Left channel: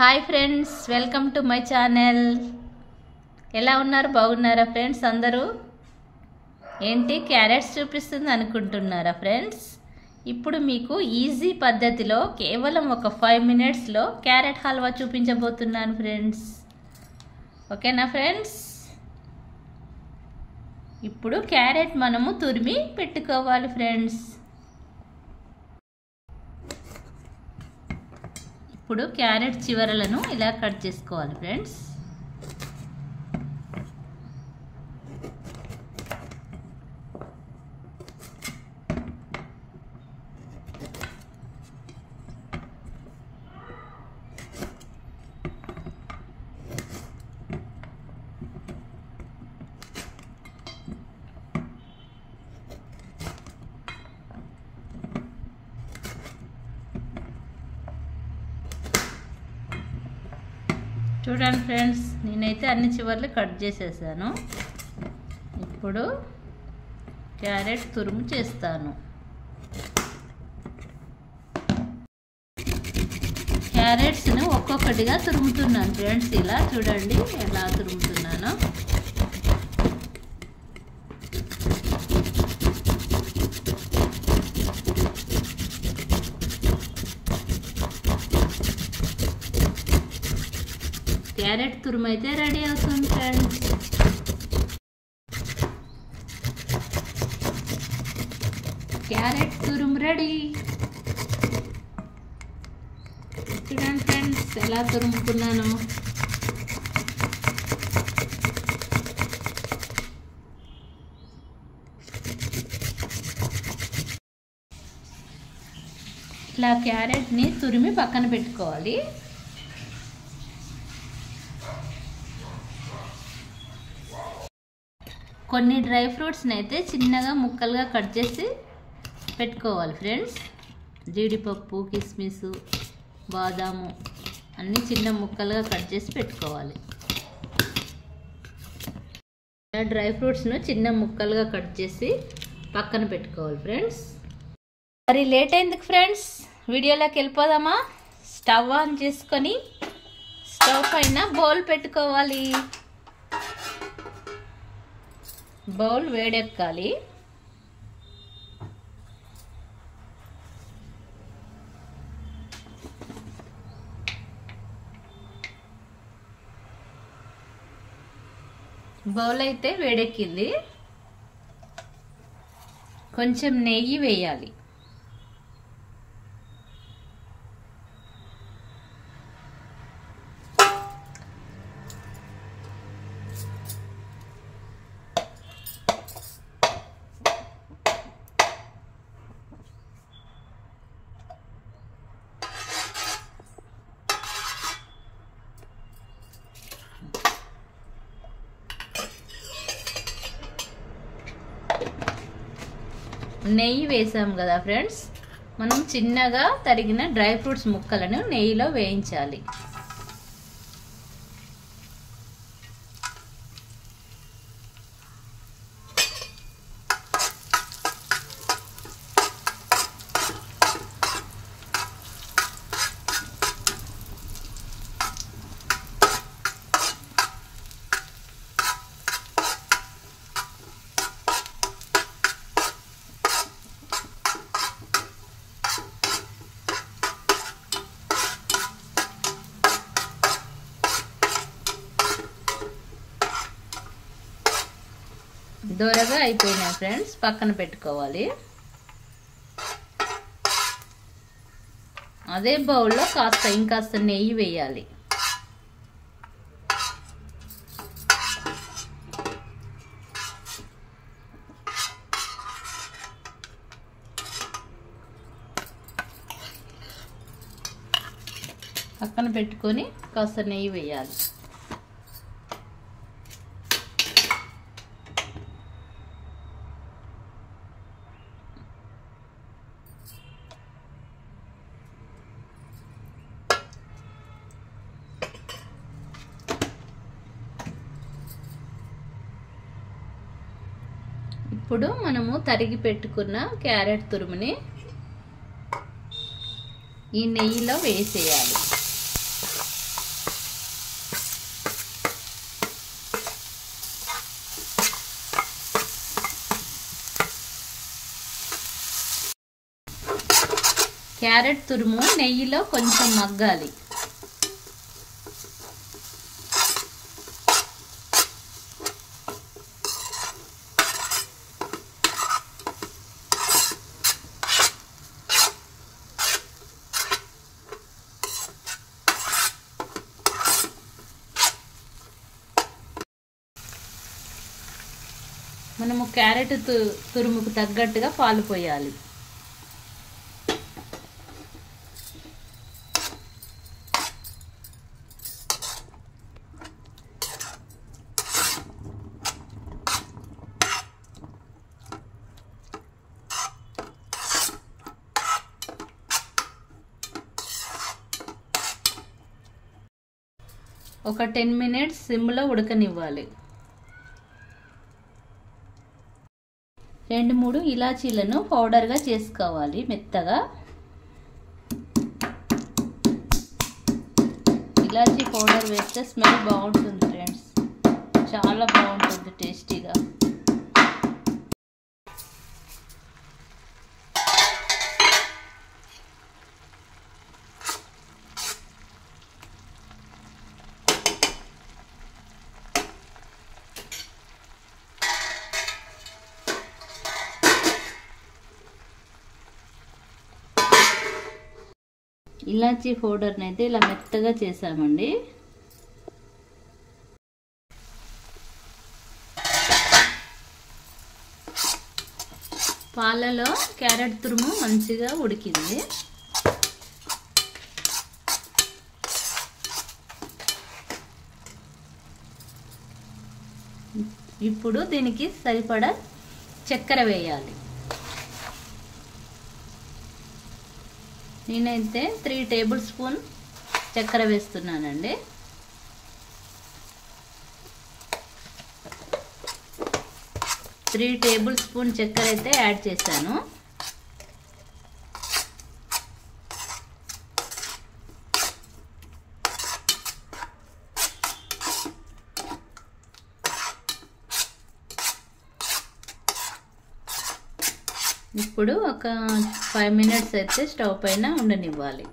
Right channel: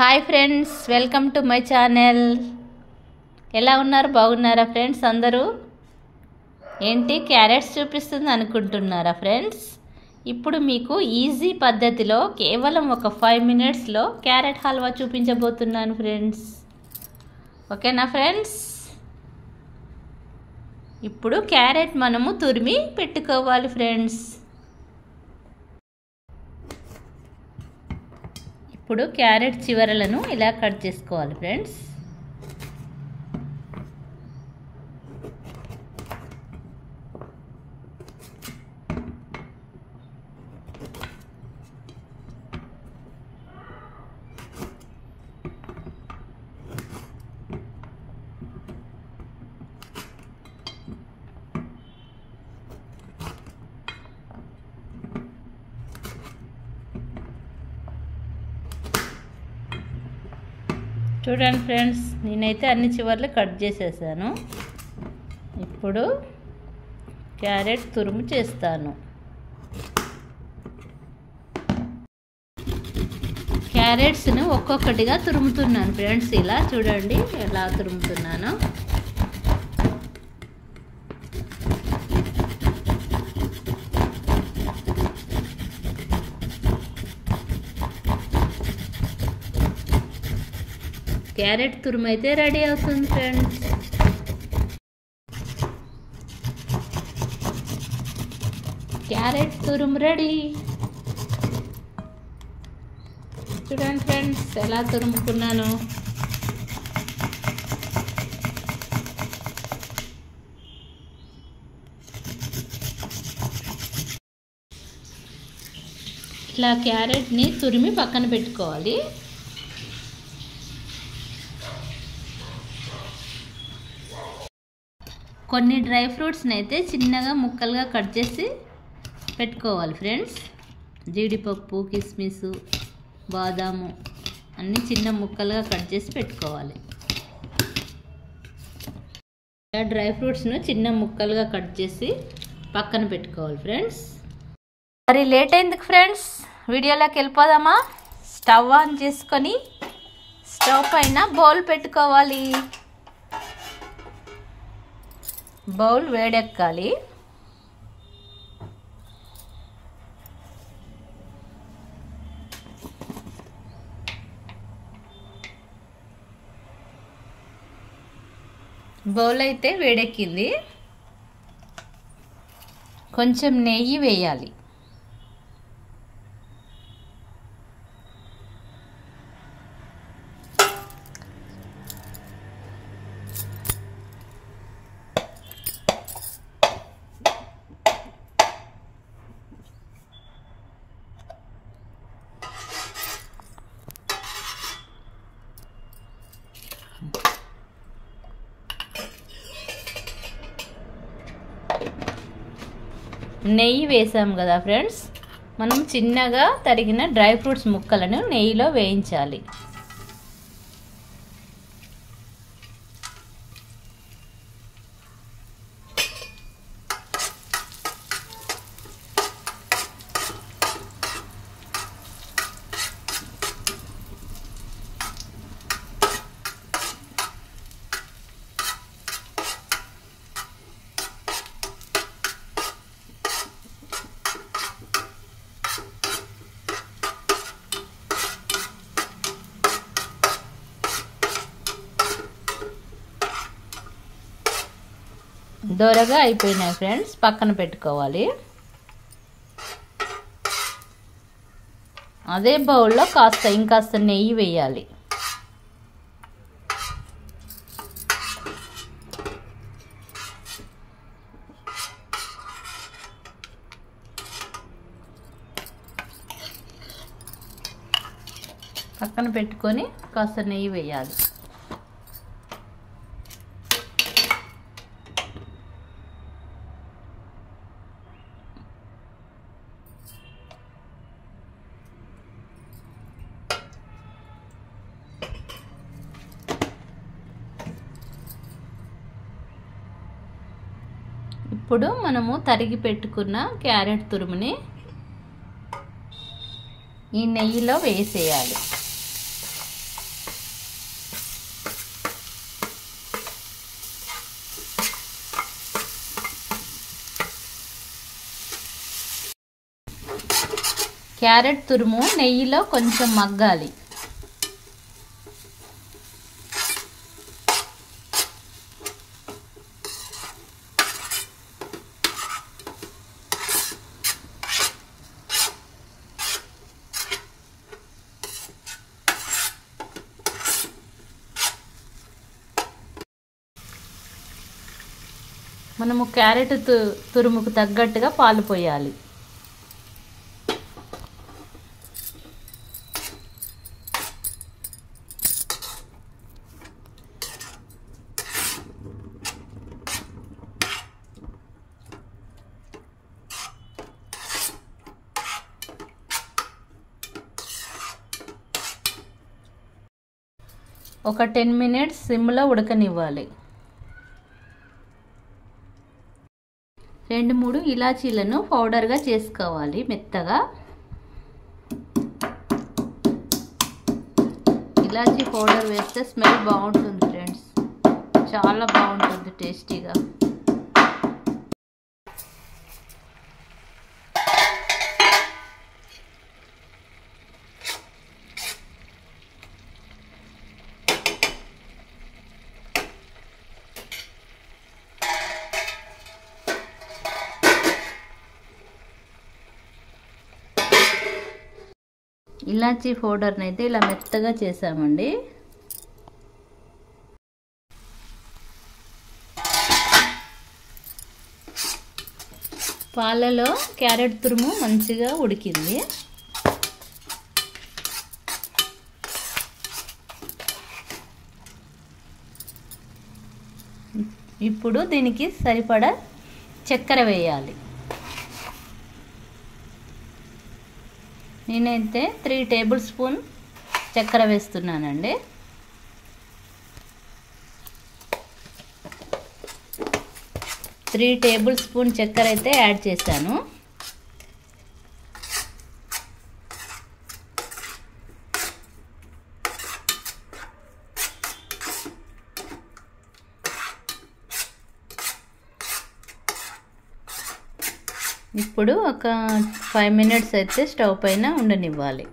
Hi friends, welcome to my channel. ఎలా ఉన్నారు? బాగున్నారా ఫ్రెండ్స్? అందరూ ఏంటి క్యారెట్స్ చూపిస్తుంది అనుకుంటున్నారా ఫ్రెండ్స్? ఇప్పుడు మీకు ఈజీ పద్ధతిలో కేవలం ఒక 5 మినిట్స్లో క్యారెట్ హల్వా చూపించబోతున్నాను ఫ్రెండ్స్. ఓకేనా ఫ్రెండ్స్? ఇప్పుడు క్యారెట్ మనము తురిమి పెట్టుకోవాలి ఫ్రెండ్స్. ఇప్పుడు క్యారెట్ చివరలను ఇలా కట్ చేసుకోవాలి ఫ్రెండ్స్. చూడండి ఫ్రెండ్స్, నేనైతే అన్ని చివర్లు కట్ చేసేసాను. ఇప్పుడు క్యారెట్ తురుము చేస్తాను. క్యారెట్స్ను ఒక్కొక్కటిగా తురుముతున్నాను ఫ్రెండ్స్. ఇలా చూడండి ఎలా తురుముతున్నాను. క్యారెట్ తురుము అయితే రెడీ అవుతుంది ఫ్రెండ్స్. క్యారెట్ తురుము రెడీ. చూడండి ఫ్రెండ్స్ ఎలా తురుముకున్నాను. ఇట్లా క్యారెట్ని తురిమి పక్కన పెట్టుకోవాలి. కొన్ని డ్రై ఫ్రూట్స్ని అయితే చిన్నగా ముక్కలుగా కట్ చేసి పెట్టుకోవాలి ఫ్రెండ్స్. జీడిపప్పు, కిస్మిస్, బాదాము అన్నీ చిన్న ముక్కలుగా కట్ చేసి పెట్టుకోవాలి. డ్రై ఫ్రూట్స్ను చిన్న ముక్కలుగా కట్ చేసి పక్కన పెట్టుకోవాలి ఫ్రెండ్స్. మరి లేట్ అయింది ఫ్రెండ్స్, వీడియోలోకి వెళ్ళిపోదామా? స్టవ్ ఆన్ చేసుకొని స్టవ్ పైన బౌల్ పెట్టుకోవాలి. బౌల్ వేడెక్కాలి. బౌల్ అయితే వేడెక్కింది. కొంచెం నెయ్యి వేయాలి. నెయ్యి వేసాం కదా ఫ్రెండ్స్, మనం చిన్నగా తరిగిన డ్రై ఫ్రూట్స్ ముక్కలను నెయ్యిలో వేయించాలి. దోరగా అయిపోయినాయి ఫ్రెండ్స్, పక్కన పెట్టుకోవాలి. అదే బౌల్లో ఇంకాస్త నెయ్యి వేయాలి. పక్కన పెట్టుకొని కాస్త నెయ్యి వేయాలి. ఇప్పుడు మనము తరిగి పెట్టుకున్న క్యారెట్ తురుముని ఈ నెయ్యిలో వేసేయాలి. క్యారెట్ తురుము నెయ్యిలో కొంచెం మగ్గాలి. మనము క్యారెట్ తురుముకు తగ్గట్టుగా పాలు పోయాలి. ఒక 10 మినిట్స్ సిమ్లో ఉడకనివ్వాలి. 2-3 ఇలాచీలను పౌడర్గా చేసుకోవాలి మెత్తగా. ఇలాచీ పౌడర్ వేస్తే స్మెల్ బాగుంటుంది ఫ్రెండ్స్, చాలా బాగుంటుంది టేస్టీగా. ఇలాచీ పౌడర్ని అయితే ఇలా మెత్తగా చేసామండి. పాలలో క్యారెట్ తురుము మంచిగా ఉడికింది. ఇప్పుడు దీనికి సరిపడా చక్కెర వేయాలి. నేనైతే 3 టేబుల్ స్పూన్ చక్కెర వేస్తున్నానండి. త్రీ టేబుల్ స్పూన్ చక్కెర అయితే యాడ్ చేశాను. ఇప్పుడు ఒక 5 మినిట్స్ అయితే స్టవ్ పైన ఉండనివ్వాలి.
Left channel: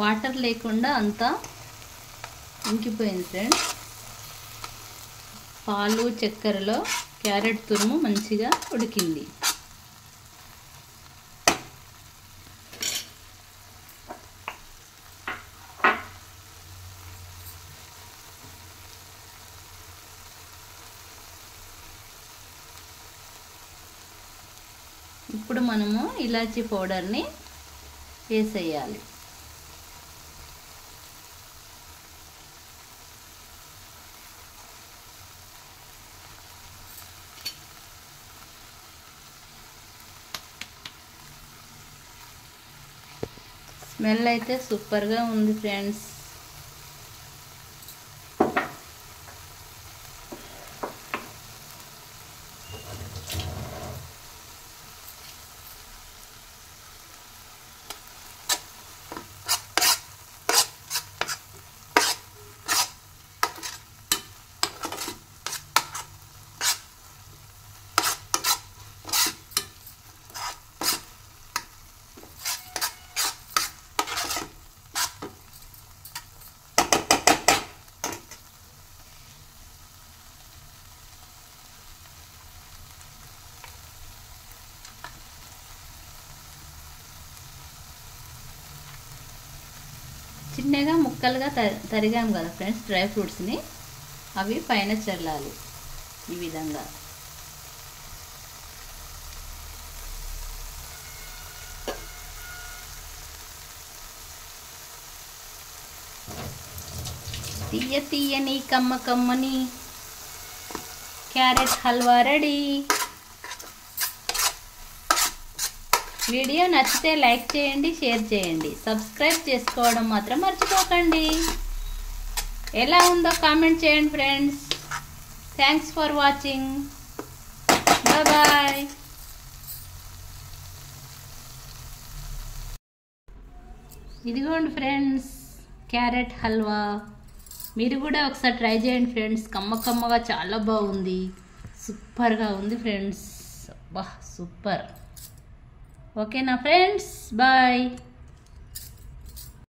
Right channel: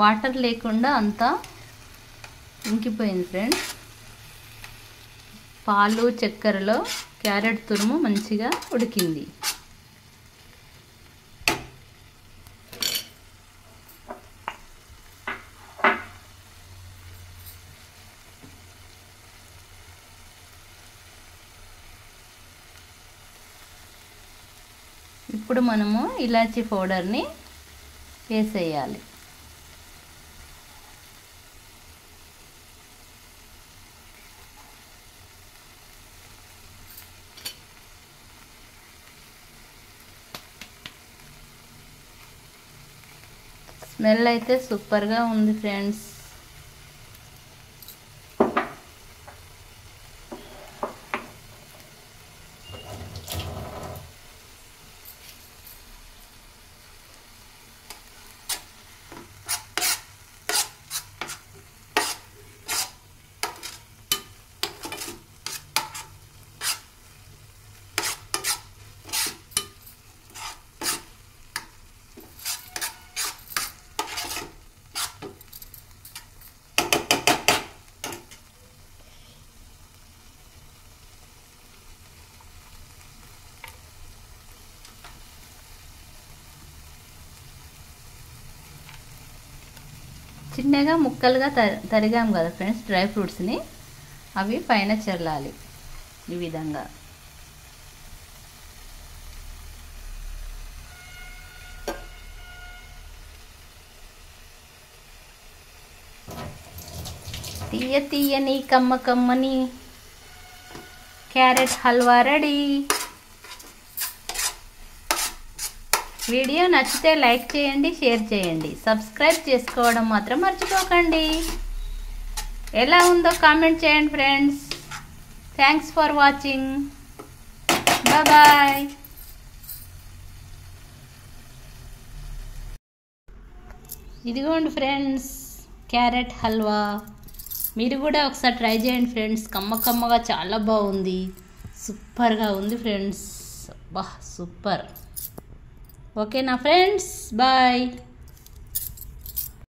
వాటర్ లేకుండా అంతా ఇంకిపోయింది ఫ్రెండ్స్. పాలు చక్కెరలో క్యారెట్ తురుము మంచిగా ఉడికింది. ఇప్పుడు మనము ఇలాచీ పౌడర్ని వేసేయాలి. స్మెల్ అయితే సూపర్గా ఉంది ఫ్రెండ్స్. చిన్నగా ముక్కలుగా తరిగాం కదా ఫ్రెండ్స్ డ్రై ఫ్రూట్స్ని, అవి పైన చల్లాలి ఈ విధంగా. తీయ తీయని కమ్మ కమ్మని క్యారెట్ హల్వా రెడీ. వీడియో నచ్చితే లైక్ చేయండి, షేర్ చేయండి, సబ్స్క్రైబ్ చేసుకోవడం మాత్రం మర్చిపోకండి. ఎలా ఉందో కామెంట్ చేయండి friends. Thanks for watching. Bye. ఇదిగోండి ఫ్రెండ్స్ క్యారెట్ హల్వా. మీరు కూడా ఒకసారి ట్రై చేయండి ఫ్రెండ్స్. కమ్మగా చాలా బాగుంది, సూపర్గా ఉంది ఫ్రెండ్స్. బా సూపర్. ఓకేనా ఫ్రెండ్స్, బాయ్.